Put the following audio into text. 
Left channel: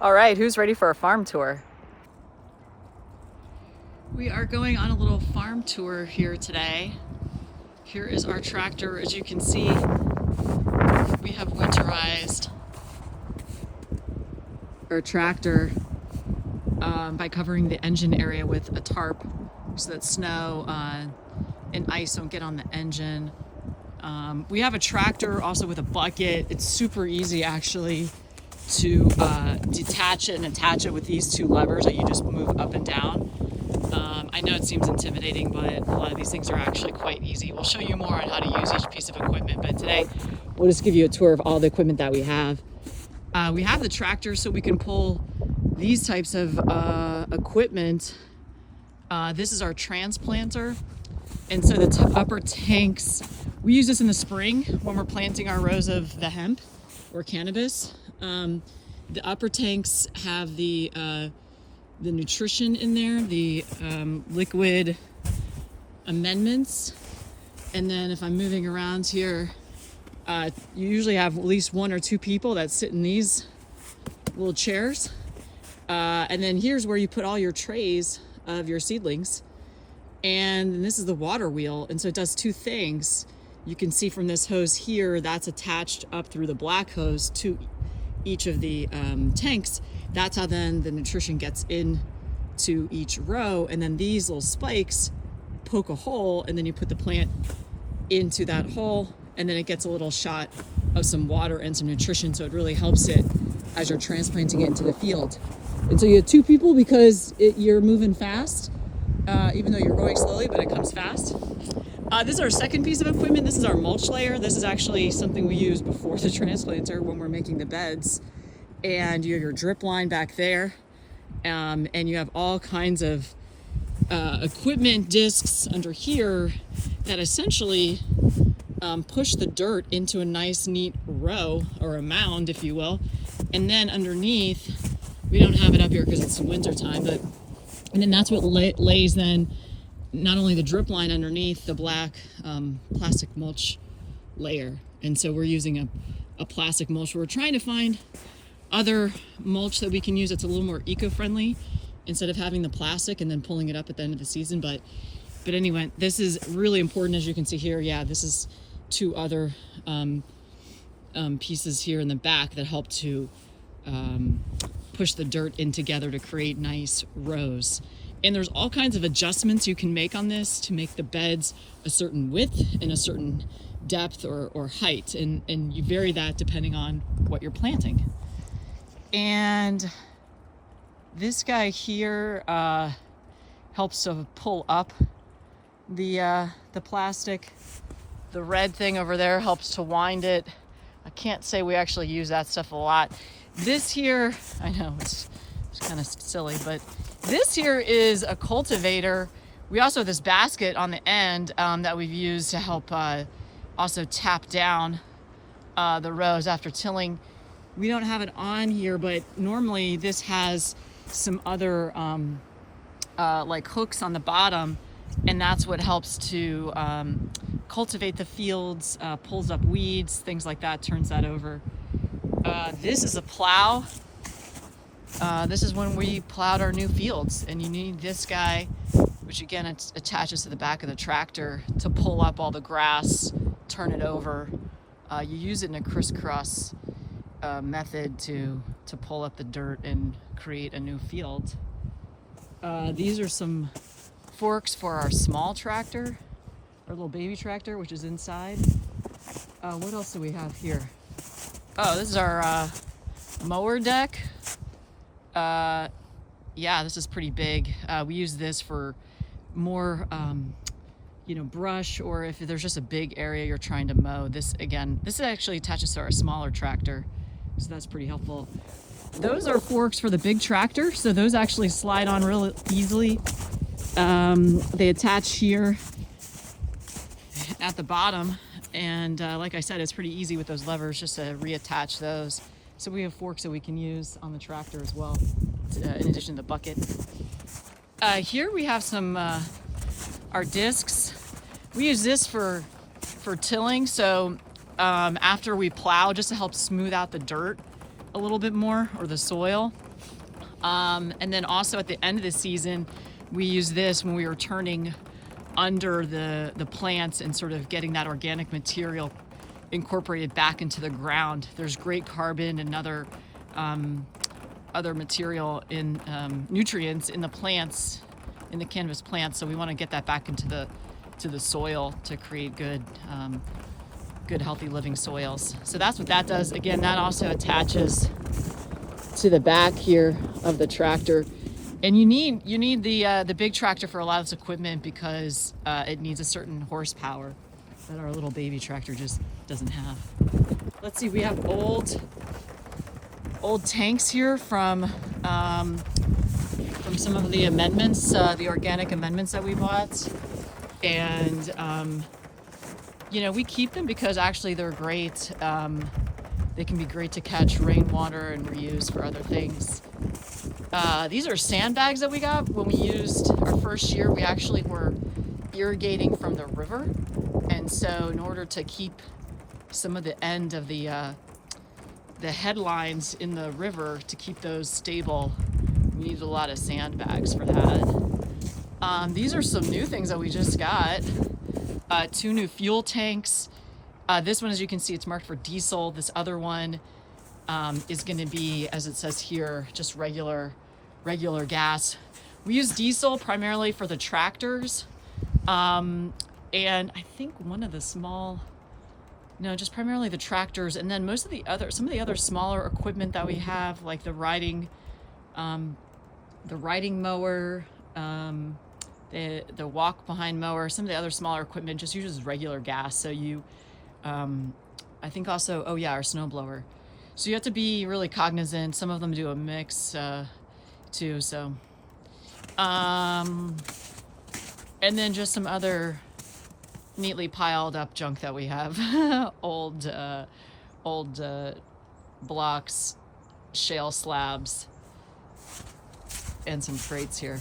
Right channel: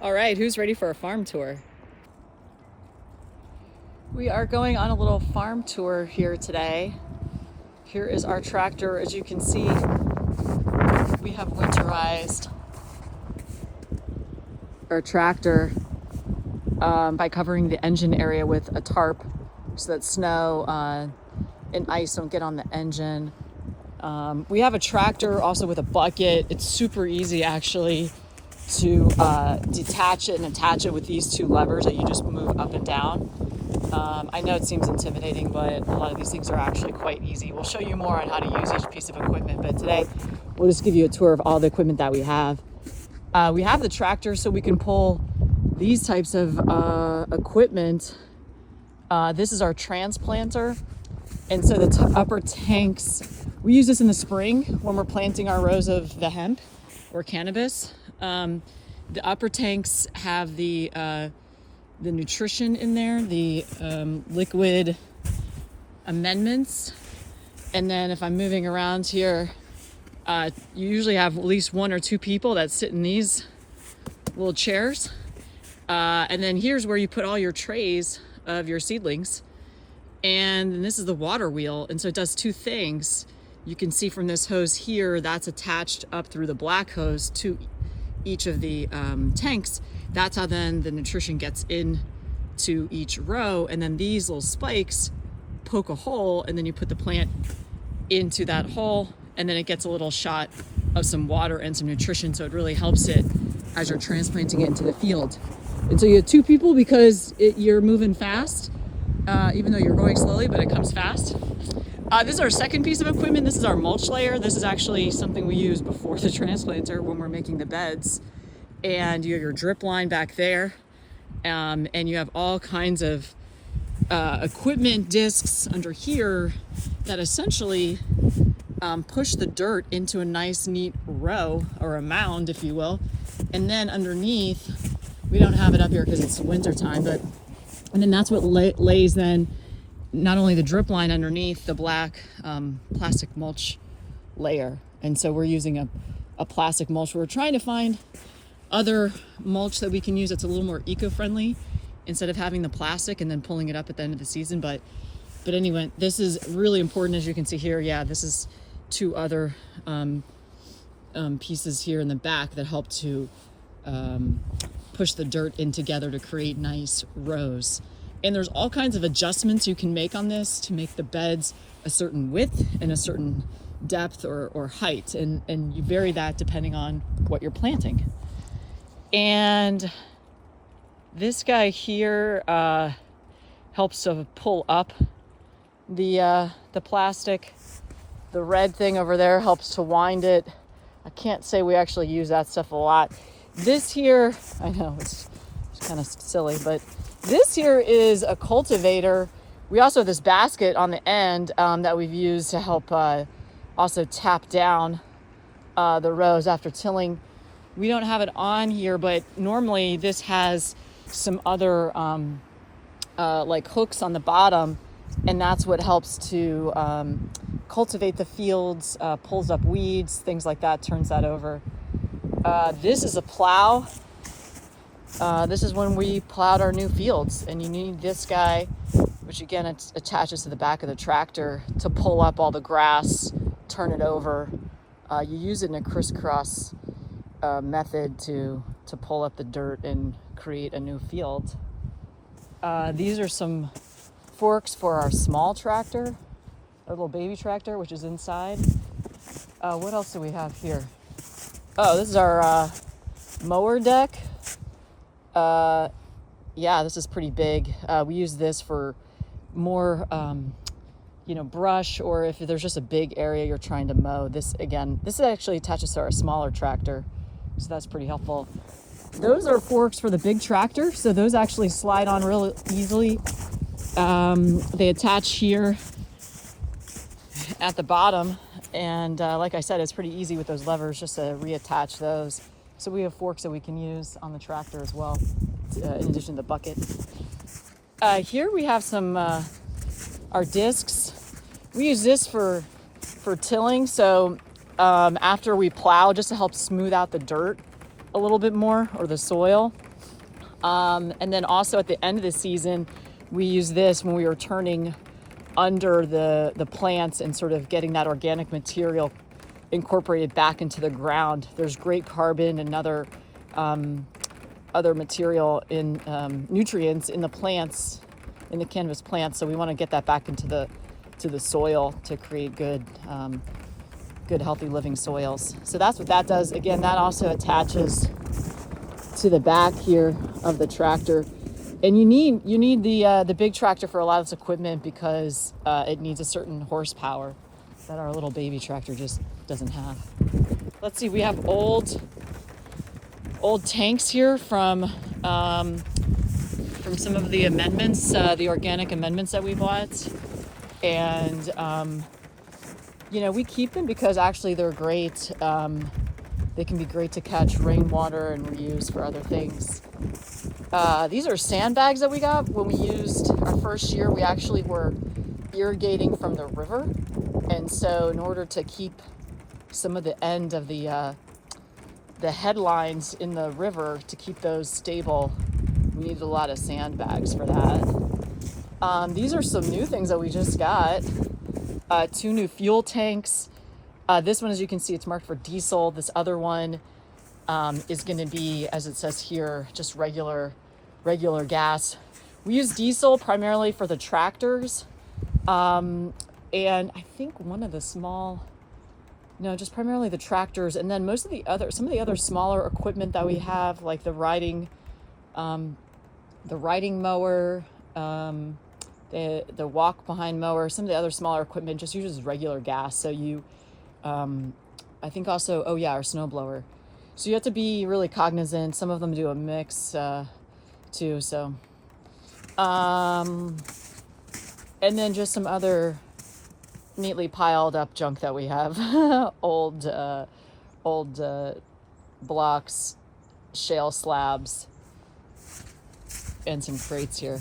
All right, who's ready for a farm tour? We are going on a little farm tour here today. Here is our tractor. As you can see, we have winterized our tractor by covering the engine area with a tarp so that snow and ice don't get on the engine. We have a tractor also with a bucket. It's super easy actually to detach it and attach it with these two levers that you just move up and down. I know it seems intimidating, but a lot of these things are actually quite easy. We'll show you more on how to use each piece of equipment, but today we'll just give you a tour of all the equipment that we have. We have the tractor so we can pull these types of equipment. This is our transplanter. And so the upper tanks, we use this in the spring when we're planting our rows of the hemp or cannabis. The upper tanks have the nutrition in there, the liquid amendments. And then if I'm moving around here, you usually have at least one or two people that sit in these little chairs. And then here's where you put all your trays of your seedlings. And this is the water wheel. And so it does two things. You can see from this hose here, that's attached up through the black hose to each of the tanks. That's how then the nutrition gets in to each row. And then these little spikes poke a hole, and then you put the plant into that hole, and then it gets a little shot of some water and some nutrition. So it really helps it as you're transplanting it into the field. And so you have two people because you're moving fast, even though you're going slowly, but it comes fast. This is our second piece of equipment. This is our mulch layer. This is actually something we use before the transplanter when we're making the beds. And you have your drip line back there. And you have all kinds of equipment discs under here that essentially push the dirt into a nice, neat row or a mound, if you will. And then underneath, we don't have it up here because it's winter time, and then that's what lays then not only the drip line underneath the black plastic mulch layer. And so we're using a plastic mulch. We're trying to find other mulch that we can use that's a little more eco-friendly instead of having the plastic and then pulling it up at the end of the season. But anyway, this is really important. As you can see here, yeah, this is two other pieces here in the back that help to push the dirt in together to create nice rows. And there's all kinds of adjustments you can make on this to make the beds a certain width and a certain depth or height. And you vary that depending on what you're planting. And this guy here helps to pull up the plastic. The red thing over there helps to wind it. I can't say we actually use that stuff a lot. This here, I know it's kind of silly, but this here is a cultivator. We also have this basket on the end that we've used to help also tap down the rows after tilling. We don't have it on here, but normally this has some other like hooks on the bottom, and that's what helps to cultivate the fields, pulls up weeds, things like that, turns that over. This is a plow. This is when we plowed our new fields, and you need this guy, which again it attaches to the back of the tractor to pull up all the grass, turn it over. You use it in a crisscross method to pull up the dirt and create a new field. These are some forks for our small tractor, our little baby tractor, which is inside. What else do we have here? Oh, this is our mower deck. Yeah, this is pretty big. We use this for more, brush, or if there's just a big area you're trying to mow. This actually attaches to our smaller tractor, so that's pretty helpful. Those are forks for the big tractor, so those actually slide on real easily. They attach here at the bottom, and like I said, it's pretty easy with those levers just to reattach those. So we have forks that we can use on the tractor as well, in addition to the bucket. Here we have some our discs. We use this for tilling. So after we plow, just to help smooth out the dirt a little bit more, or the soil. And then also at the end of the season, we use this when we were turning under the plants and sort of getting that organic material incorporated back into the ground. There's great carbon and other material in nutrients in the plants, in the cannabis plants. So we want to get that back into the soil to create good healthy living soils. So that's what that does. Again, that also attaches to the back here of the tractor. And you need the big tractor for a lot of this equipment because it needs a certain horsepower that our little baby tractor just doesn't have. Let's see, we have old tanks here from some of the amendments, the organic amendments that we bought, and we keep them because actually they're great. They can be great to catch rainwater and reuse for other things. These are sandbags that we got when we used our first year. We actually were irrigating from the river, and so in order to keep some of the end of the headlines in the river, to keep those stable, we needed a lot of sandbags for that. These are some new things that we just got. 2 new fuel tanks. This one, as you can see, it's marked for diesel. This other one is going to be, as it says here, just regular gas. We use diesel primarily for the tractors, and I think one of the just primarily the tractors, and then some of the other smaller equipment that we have, like the riding mower, the walk behind mower. Some of the other smaller equipment just uses regular gas. So I think also, our snowblower. So you have to be really cognizant. Some of them do a mix too. So, and then just some other neatly piled up junk that we have. old blocks, shale slabs, and some crates here.